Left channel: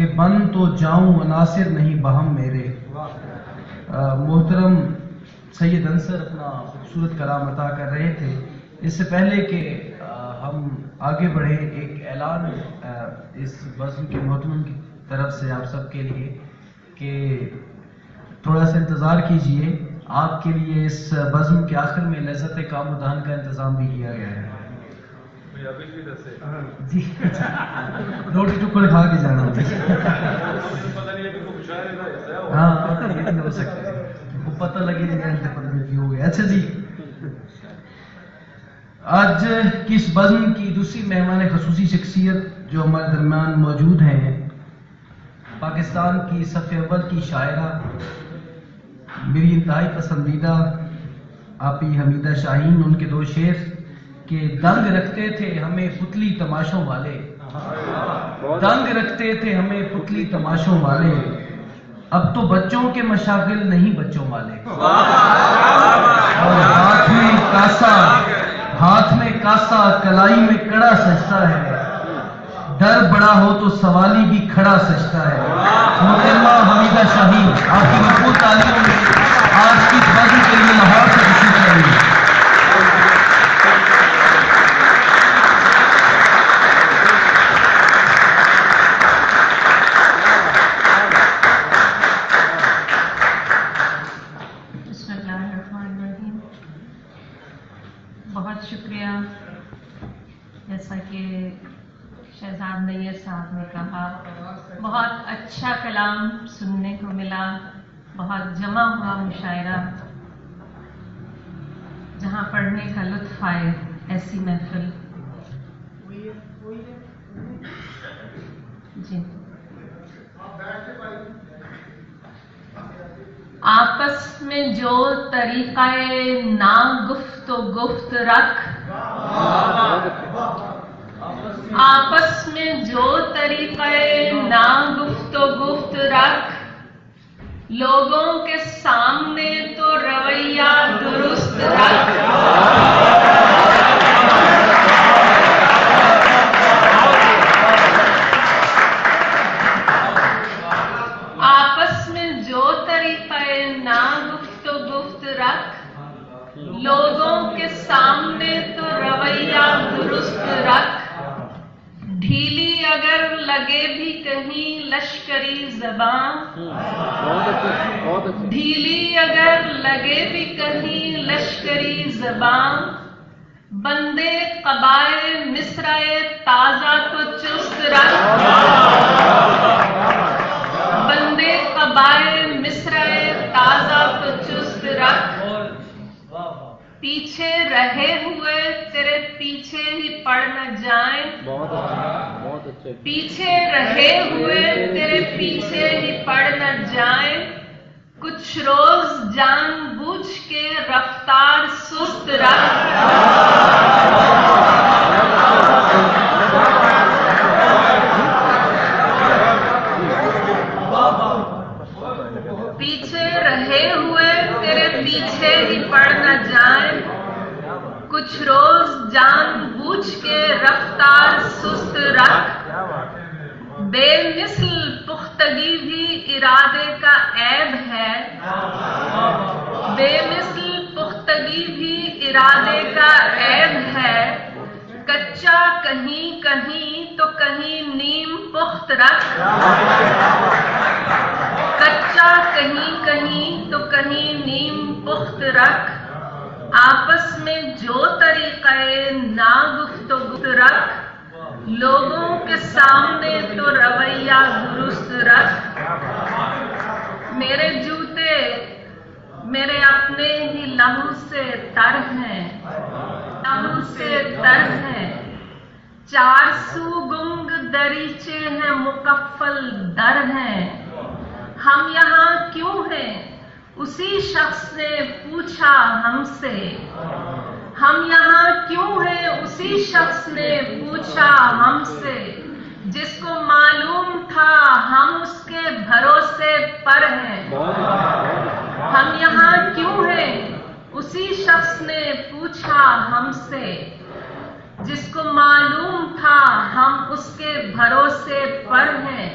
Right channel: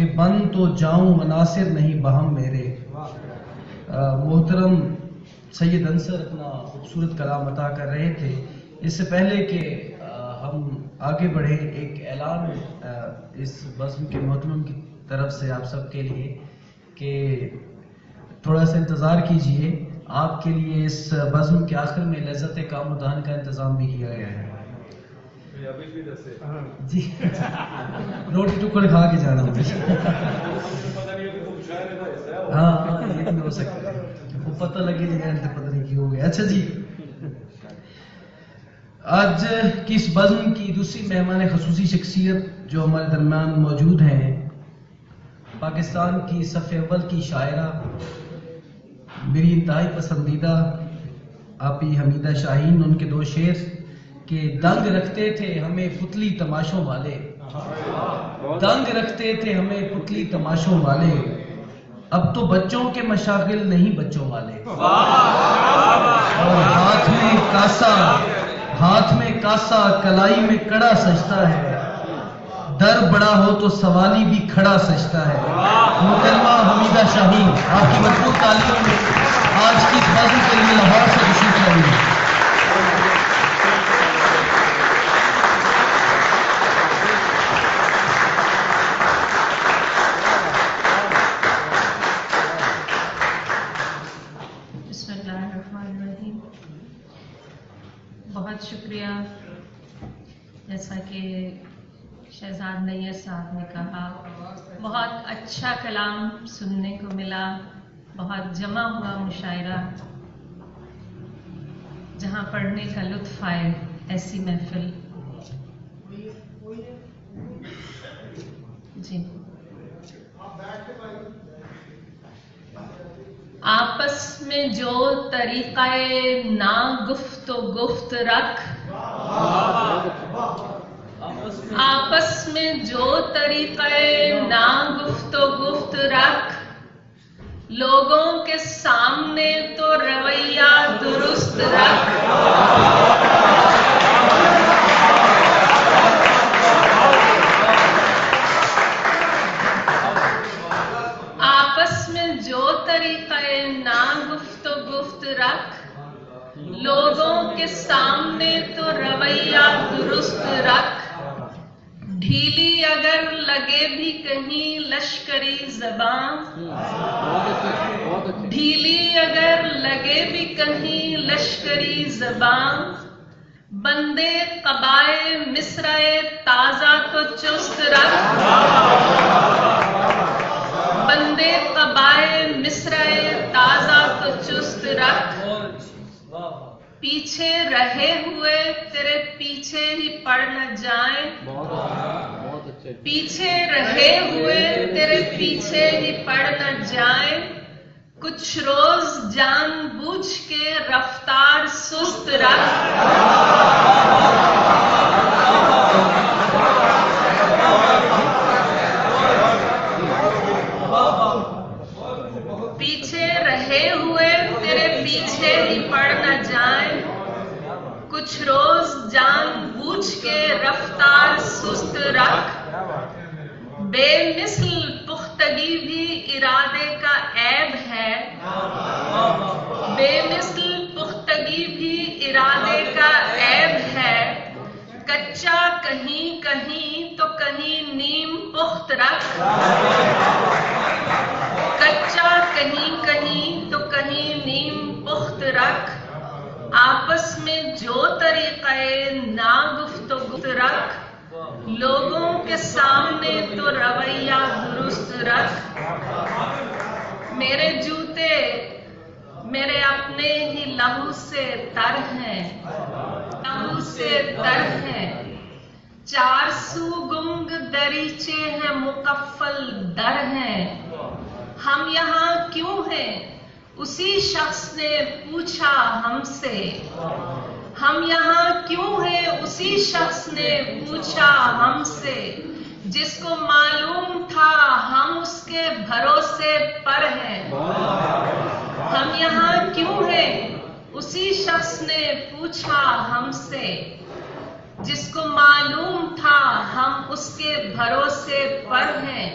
کہ بن تو جاؤں عناصر نہیں بہم میرے. محترم سید انصر اپنا خوبصورت کلام عطا کر رہے تھے. اس سے پہلے کہ ہم آگے بڑھیں، ایک اعلان اس بزم کے محترم کی طرف سے آپ سب کے لیے کہ تھوڑا سا انتظار کیجئے. آپ کے لیے اس بزم کے آخر میں لذت کام و دہن کا انتظام بھی کیا گیا ہے. جی روٹی ٹکڑ کھا کے جانا ہوتا ہے. ہاں یہ تو ہو سکتا ہے، وہ پتہ لگے نہیں پتہ نہیں کیوں ہو گیا. اچھا جی، آج کی اس بزم کی دوسری مہمان خصوصی شخصیت جو ہمارے درمیان موجود ہیں، پاکستان کی صف اول کی شاعرہ، میری انتہائی پسندیدہ آپی حمیدہ شاہین. ان کے دو شعر کہ دنگ رکھتے تھے ہمیں پتلی تماشوں والے، دنگ رکھتے تھے ہمیں پتلی تماشوں والے، اب تو بچوں کے مشاغل نہیں بچوں والے. اور ہاتھ میں کاسا کلائی میں کڑا سجتا ہے، در بڑا ہو تو سوالی بھی کھڑا سجتا ہے. محترمہ حمیدہ شاہین آپ کی مرفوع تعلیموں میں آج کی اس بزم کے لیے لاہور سے تشریف لائیں گے. بہت شکریہ. جیسا کہ شہزاد نیر صاحب نے کہا، بہت اچھا کلام سننے کو ملا، بہت جمع ہوا مشاعرہ، جہاں پڑھنے کا لطف آئے. ایسی محفل جی آپس میں جو طریقہ نا گفت و گفت رکھ، آپس میں جو طریقہ نا گفت و گفت رکھ، لوگوں کے سامنے تو رویہ درست رکھ. آپس میں جو طریقہ نا گفت و گفت رکھ، لوگوں کے سامنے تو رویہ درست رکھ. ڈھیلی اگر لگے بھی کہیں لشکری زبان، ڈھیلی اگر لگے بھی کہیں لشکری زبان، بندے قبائے مصرعے تازہ تو چست رکھ. بندے قبائے مصرعے تازہ تو چست رکھ. پیچھے رہے ہوئے تیرے پیچھے ہی پڑ نہ جائیں، پیچھے رہے ہوئے تیرے پیچھے ہی پڑ نہ جائیں. کچھ روز جان بوجھ کے رفتار سست رکھ. پیچھے رہے ہوئے تیرے پیچھے ہی پڑ نہ جائیں. کچھ روز جان بوجھ کے رفتار سست رکھ. بے مثل پختگی بھی ارادے کا عیب ہے، بے مثل پختگی بھی ارادے کا عیب ہے. کچا کہیں کہیں تو کہیں نیم پخت رکھ. کچا کہیں کہیں تو کہیں نیم پخت رکھ. آپس میں جو طریقہ نا گفت و گفت رکھ، لوگوں کے سامنے تو رویہ درست رکھ. میرے جوتے میرے اپنے ہی لہو سے تر ہیں، لہو سے تر ہیں. 400 گنگ دریچے ہیں مقفل در ہیں. ہم یہاں کیوں ہیں اسی شخص نے پوچھا ہم سے. ہم یہاں کیوں ہیں اسی شخص نے پوچھا ہم سے. جس کو معلوم تھا ہم اس کے بھروسے پر ہیں. ہم یہاں کیوں ہیں اسی شخص نے پوچھا ہم سے. جس کو معلوم تھا ہم اس کے بھروسے پر ہیں.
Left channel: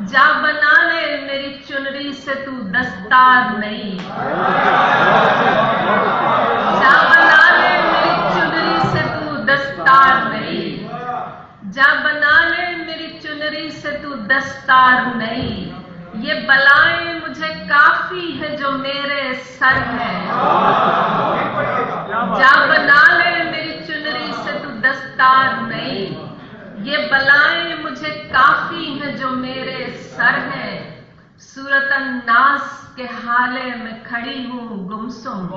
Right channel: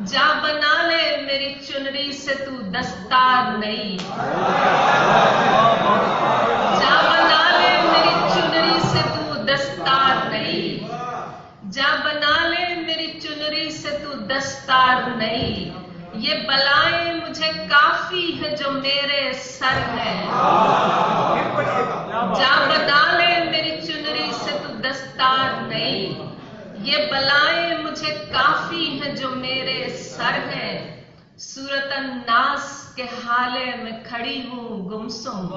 जा बना ले मेरी चुनरी से तू दस्तार नई, जा बना ले मेरी चुनरी से तू दस्तार नई, जा बना ले मेरी चुनरी से तू दस्तार नई। ये बलाएं मुझे काफी है जो मेरे सर है, जा बना ले मेरी चुनरी से तू दस्तार नई। ये बलाएं मुझे काफी हैं जो मेरे सर है। सूरत अन्नास के हाले में खड़ी हूँ गुमसुम,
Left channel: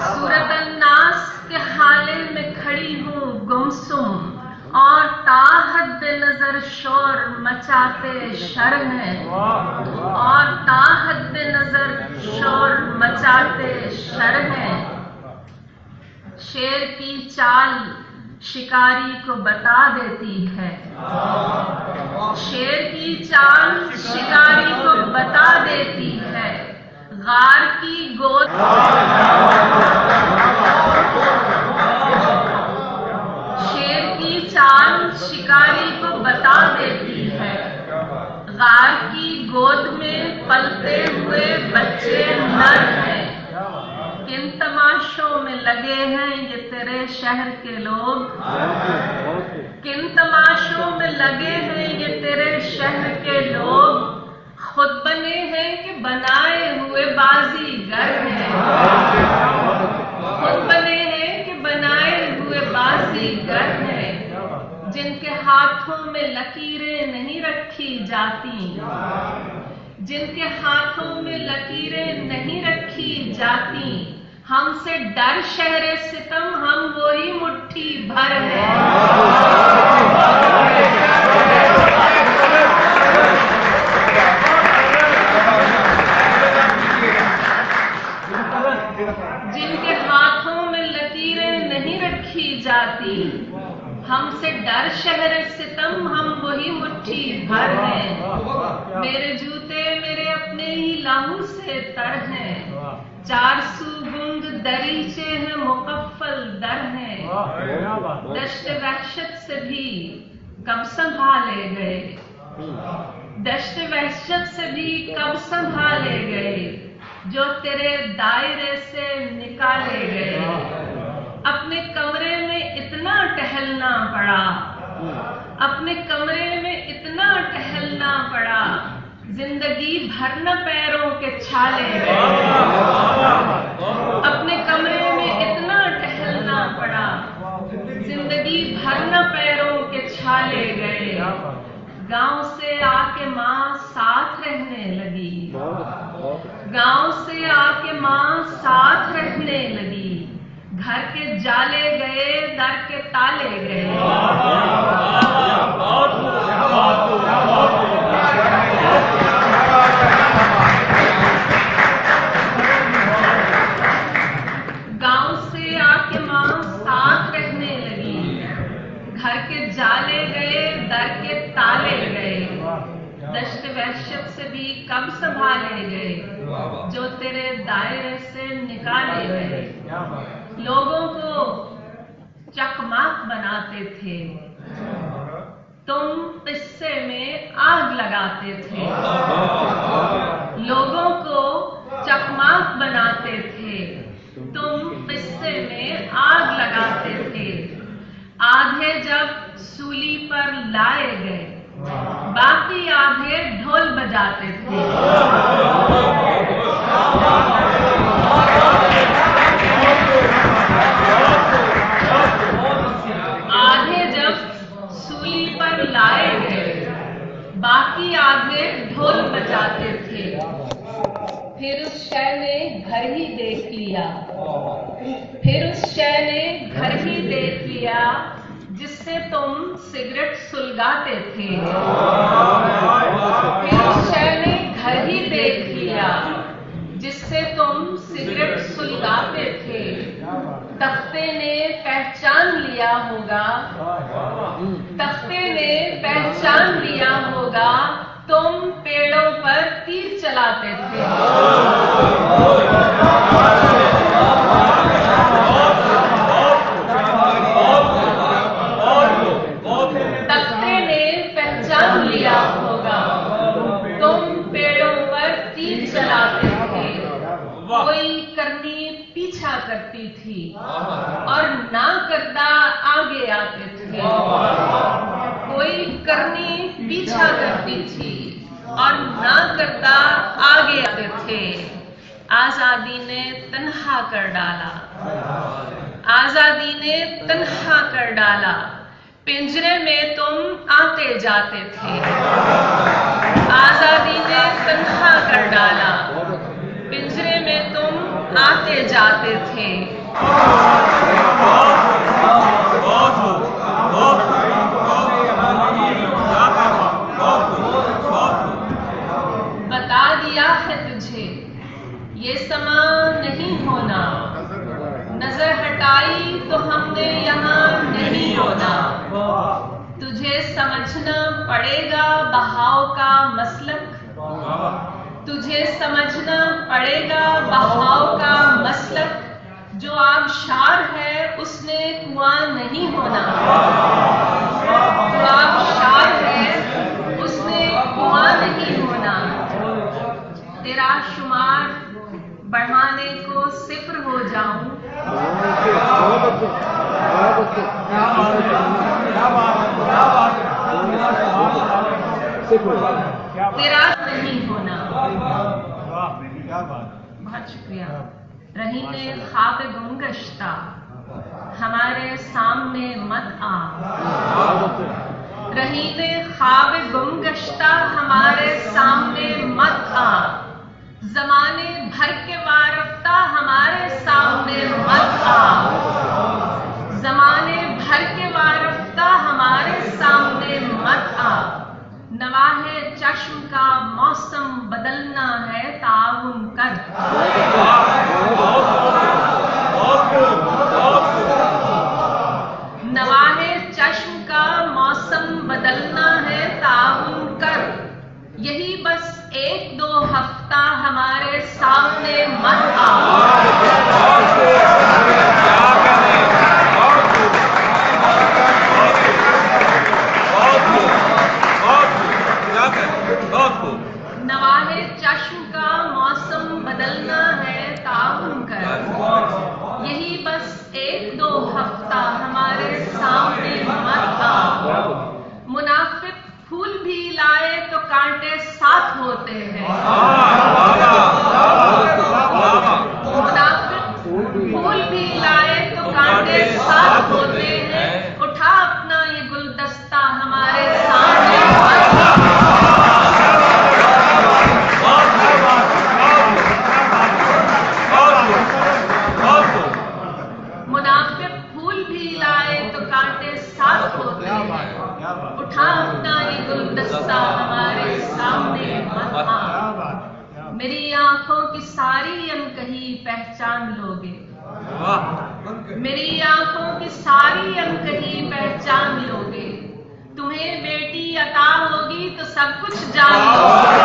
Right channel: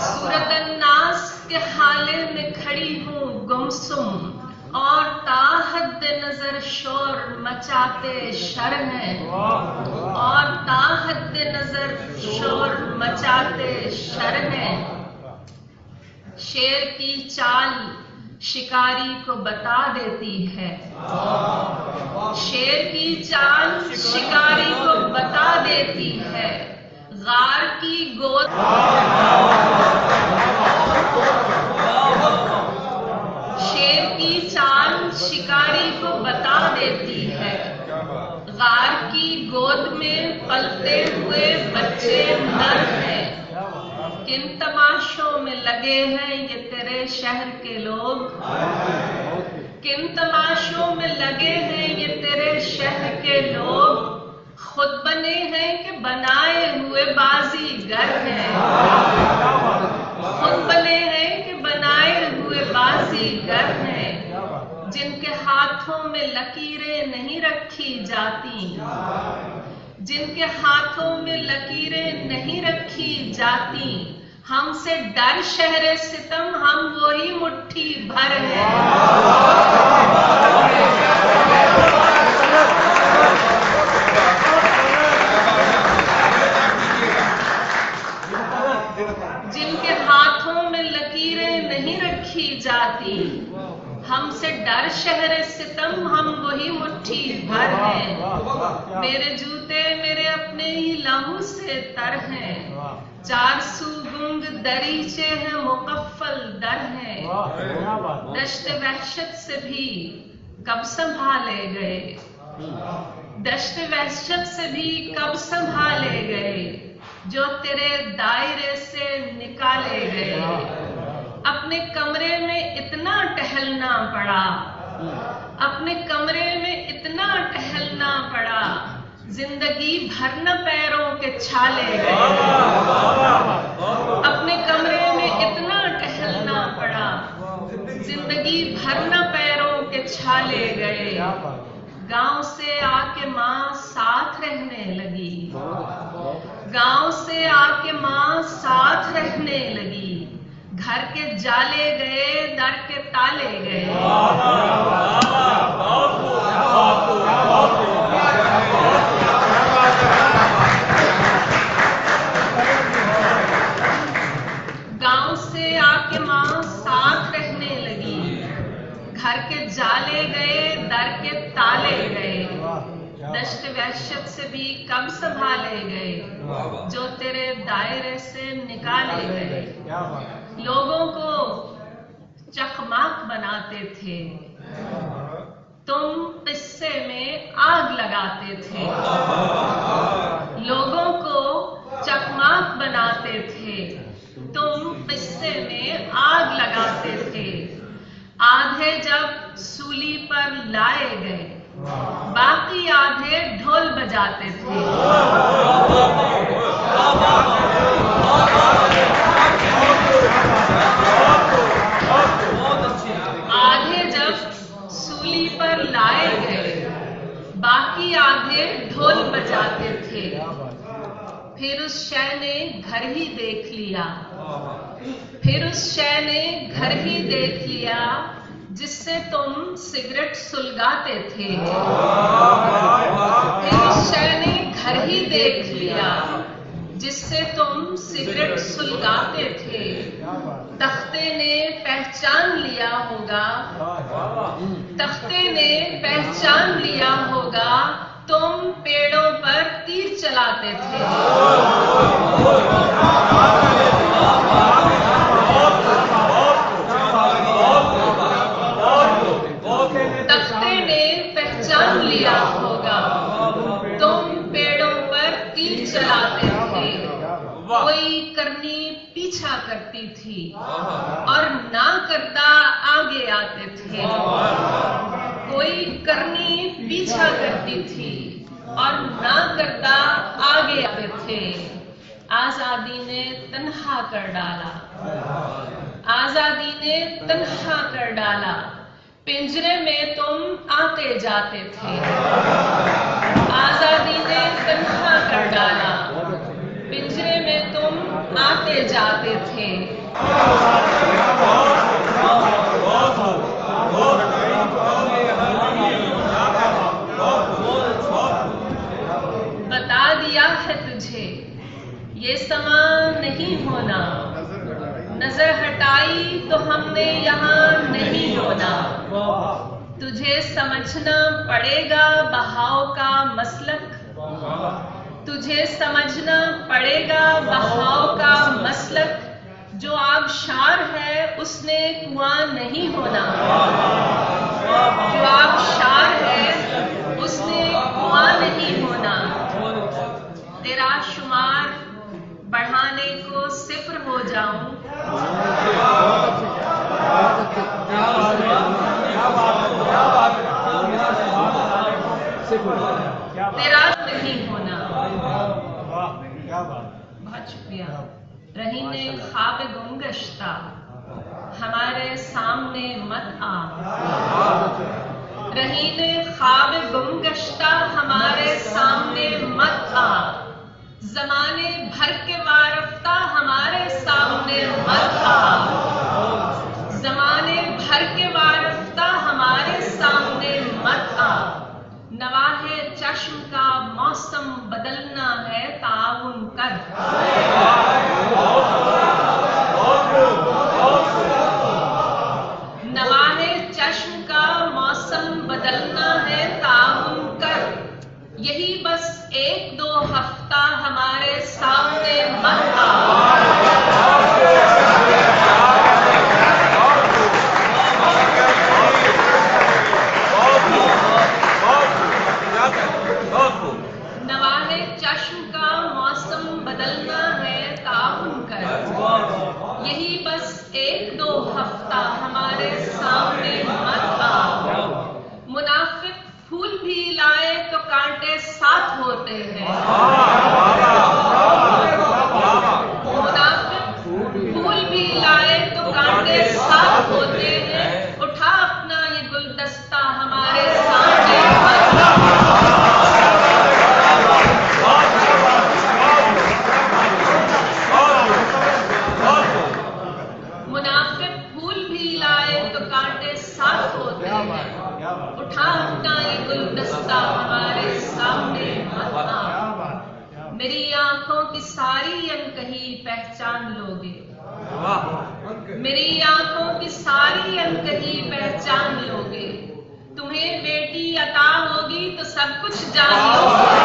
सूरत अन्नास के हाले में खड़ी हूँ गुमसुम। और ताहद नजर शोर मचाते शर हैं, और ताहद नजर शोर मचाते शर हैं। शेर की चाल शिकारी को बता देती है, शेर की चाल शिकारी को बता देती है। गार की गोद शेर की चाल शिकारी को बता देती है। गार की गोद में पलते हुए बच्चे नर हैं। किन तमाशों में लगे हैं ये तेरे शहर के लोग, किन तमाशों में लगे हैं ये तेरे शहर के लोग। खुद बने हैं कि बनाए हुए बाजीगर हैं, खुद बने हैं कि बनाए हुए बाजीगर हैं। जिनके हाथों में लकीरें नहीं रखी जाती, जिनके हाथों में लकीरें नहीं रखी जाती। हमसे डर शहरे सितम हम वही मुट्ठी भर है। जिनके हाथों में लकीरें नहीं रखी जाती, हमसे डर शहरे सितम हम वही मुट्ठी भर हैं। मेरे जूते मेरे अपने ही लाहू से तर हैं, 400 गुंग दरीचे हैं मुकफ्फल दर हैं। दश्त वहशत से भी कब संभाले गए, दश्त वहशत से भी कब संभाले गए, जो तेरे दायरे से निकाले गए। अपने कमरे में इतना टहलना पड़ा, अपने कमरे में इतना टहलना पड़ा, जिंदगी भर न पैरों के छाले गए। अपने कमरे में इतना टहलना पड़ा, जिंदगी भर न पैरों के छाले गए। गांव से आके माँ साथ रहने लगी, गांव से आके माँ साथ रहने लगी। घर के जाले गए, दर के ताले गए। गांव से आके माँ साथ रहने लगी, घर के जाले गए, दर के ताले गए। दश्त वहशत से भी कब संभाले गए, जो तेरे दायरे से निकाले गए। लोगों को चकमाक बनाते थे, तुम किस्से में आग लगाते थे। लोगों को चकमाक बनाते थे, तुम किस्से में आग लगाते थे। आधे जब सूली पर लाए गए, बाकी आधे ढोल बजाते थे। आधे जब सूली पर लाए गए, बाकी आधे ढोल बजाते थे। फिर उस शय ने घर ही देख लिया, फिर उस शय ने घर ही देख लिया, जिससे तुम सिगरेट सुलगाते थे। फिर उस शय ने घर ही देख लिया, जिससे तुम सिगरेट सुलगाते थे। तख्ते ने पहचान लिया होगा, तख्ते ने पहचान लिया होगा, तुम पेड़ों पर तीर चलाते थे। तख्ते ने पहचान लिया होगा। तुम पेड़ों पर तीर चलाते थे, कोई करनी पीछा करती थी और ना करता आगे आते थे। कोई करनी पीछा करती थी और ना करता आगे आते थे। आजादी ने तन्हा कर डाला, आजादी ने तन्हा कर डाला। पिंजरे में तुम आते जाते थे, आजादी ने तन्हा कर डाला। पिंजरे में तुम आते जाते थे। बता दिया है तुझे ये समा नहीं होना, नजर हटाई तो हमने यहाँ नहीं होना। तुझे समझना पड़ेगा बहाव का मसलक, तुझे समझना पड़ेगा बहाव का मसलक। जो आबशार है उसने कुआं नहीं होना, जो आबशार है उसने कुआं नहीं होना। तेरा शुमार बढ़ाने को सिफर हो जाऊं, तेरा नहीं होना। बहुत शुक्रिया। रही ने ख्वाब गुमगश्ता हमारे सामने मत आ, रही ने ख्वाब गुमगश्ता हमारे सामने मत आ। जमाने भर के वारफ्ता हमारे सामने मत आ, जमाने भर के वारफ्ता हमारे सामने मत आ। नवाहे चश्म का मौसम बदलना है ताउन कर, नवाहे चश्म का मौसम बदलना है ताउन कर। यही बस एक दो हफ्ता हमारे सामने मत आ। नवाहे चश्म का मौसम बदलना है ताउन कर। यही बस एक दो हफ्ता हमारे सामने मत आ। मुनाफिक फूल भी लाए तो कांटे साथ होते हैं, मुनाफिक फूल भी लाए तो कांटे साथ होते हैं। उठा अपना ये गुलदस्ता हमारे सामने मत आ। मुनाफिक फूल भी लाए तो कांटे साथ होते हैं। उठा अपना ये गुलदस्ता हमारे सामने मत आ। मेरी आंखों की सारी अनकही पहचान लोगे, मेरी आंखों की सारी अनकही पहचान लोगे। तुम्हें बेटी अता होगी तो सब कुछ जान लोगे।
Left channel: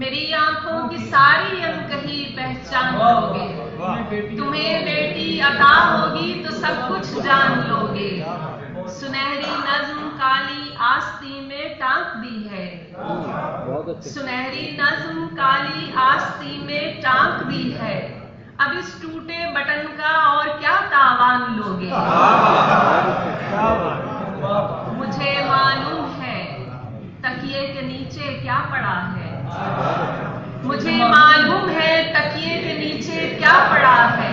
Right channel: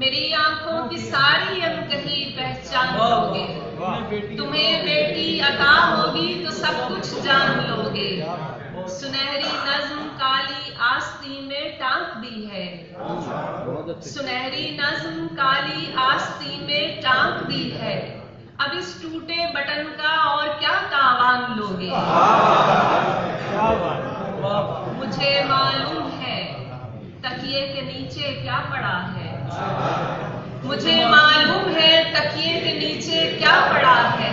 मेरी आंखों की सारी अनकही पहचान लोगे। तुम्हें बेटी अता होगी तो सब कुछ जान लोगे। सुनहरी नज्म काली आस्ती में टांक दी है, सुनहरी नज्म काली आस्ती में टांक दी है। अब इस टूटे बटन का और क्या तावान लोगे। मुझे मालूम है तकिए के नीचे क्या पड़ा है, मुझे मालूम है तकिए के नीचे क्या पड़ा है।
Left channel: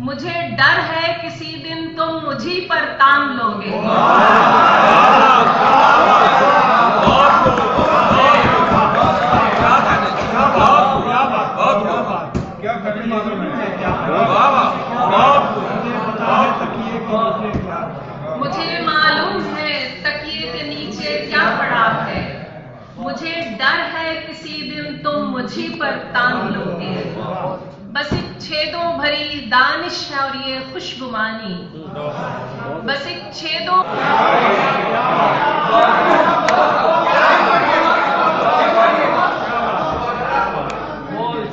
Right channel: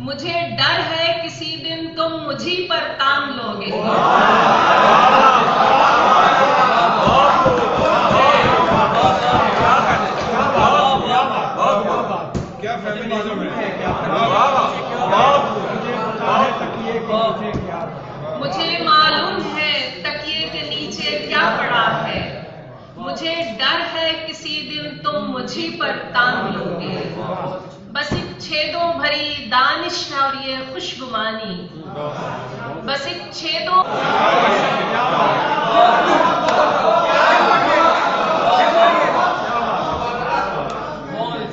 मुझे डर है किसी दिन तुम मुझी पर तान लोगे। मुझे मालूम है तकिए के नीचे क्या पड़ा है। मुझे डर है किसी दिन तुम मुझी पर तान लोगे। बस एक छेदों भरी दानिश है और ये खुशगुमानी, बस एक छेदों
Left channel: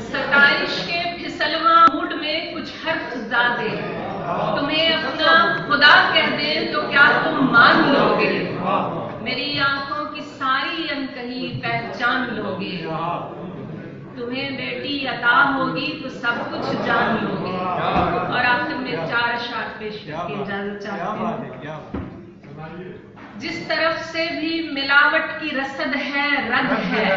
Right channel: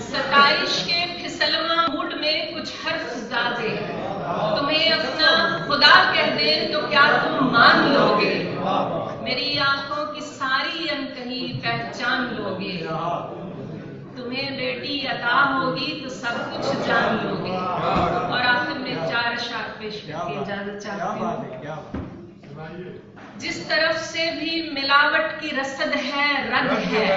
सताइश खुदा कह दे तो क्या तुम मान लोगे? मेरी आंखों की सारी अनकही पहचान लोगे। तुम्हें बेटी अता होगी तो सब कुछ जान लोगे। और आखिर में 4 अशआर पेश करके इजाजत चाहती हूँ। जिस तरफ से भी मिलावट की रसद है, रग है।